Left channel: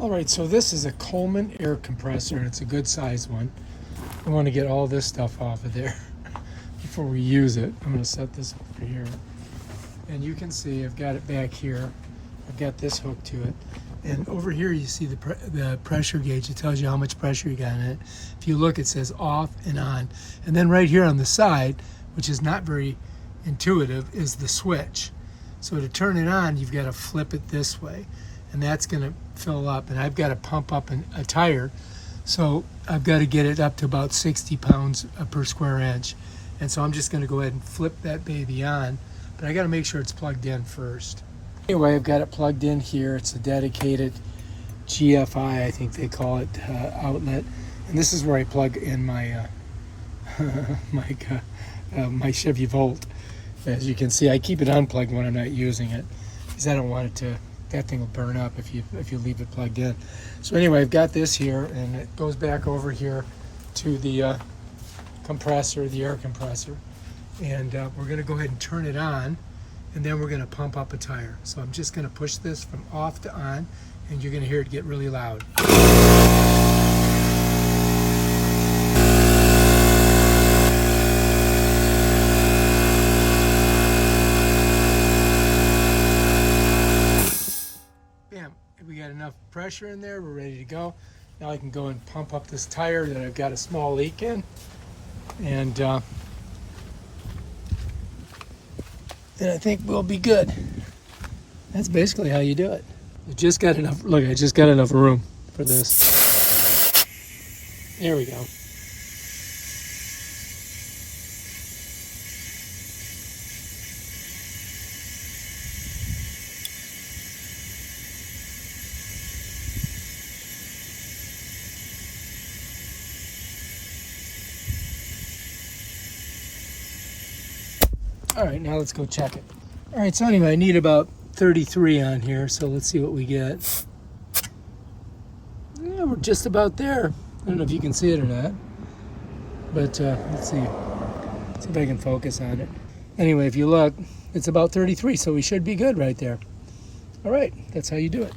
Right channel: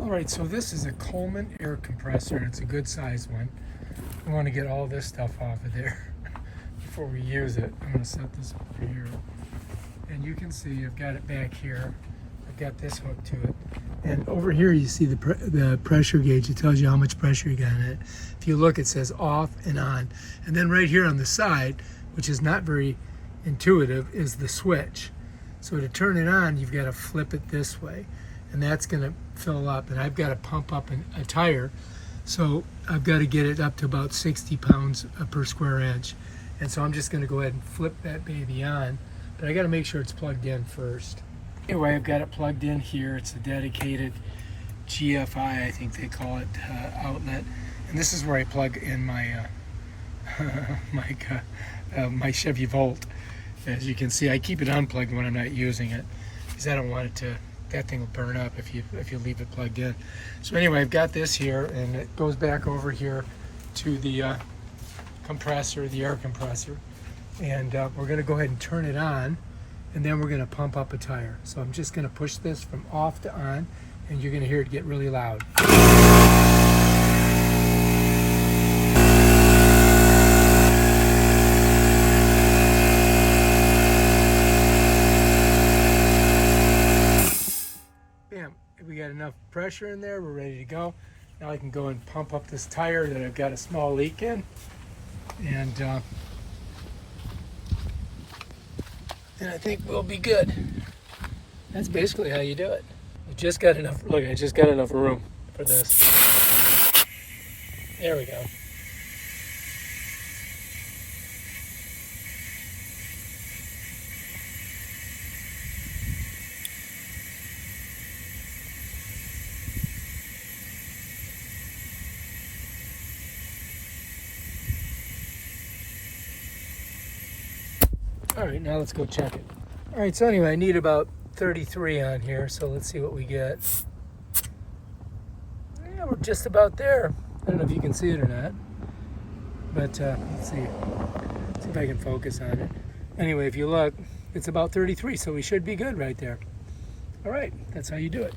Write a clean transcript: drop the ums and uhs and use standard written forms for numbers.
Alright, so this is a Coleman air compressor, and it's a good size one. I want to get all this stuff off of there before we use it. I'm going to set this over here. And you can see I've got it back here. I've got this hooked to it. And over here you see the pressure gauge. It tells you how much pressure you got in it. If you look, it says off and on. And then right here on the side, which is not very intuitive, is the switch. So to turn it on, you've got to flip it this way. And that's going to fill up. And I've got to pump up a tire. So I've got to get it up to about 60 pounds per square inch. And so I'm just going to go ahead and flip that baby on. But I got to make sure it's plugged in first. Anyway, I've got it plugged in here. It's a dedicated GFI, I think they call it, outlet. And this is where I plug in my my Chevy Volt. As you can see, I keep it unplugged when I'm not using it because I don't want it to. That thing will burn up if you leave it plugged in. So anyway, I've got this here, and it goes back over here to the compressor, the air compressor, and we're going to go ahead and turn it on, and then we're going to pump up a tire. So I'm just going to push this from off to on, and you're going to hear it get really loud. Bam, we got enough pressure in there, we're ready to go. Now I can go and pump up this tire that I've got a small leak in, and then I think we'll be good. That's basically how you do it. I just got enough, look, I just got enough room for this. There we go. All right, now let's go check it. All right, so anyway, I need about 33 on here, so let's see what we get. Yeah, we're just about there. I don't know if you can see it or not, but let's see. Let's see if I can focus on it. Anyway, if you look, it's about 33, so we should be good right there. All right, that's how you do it.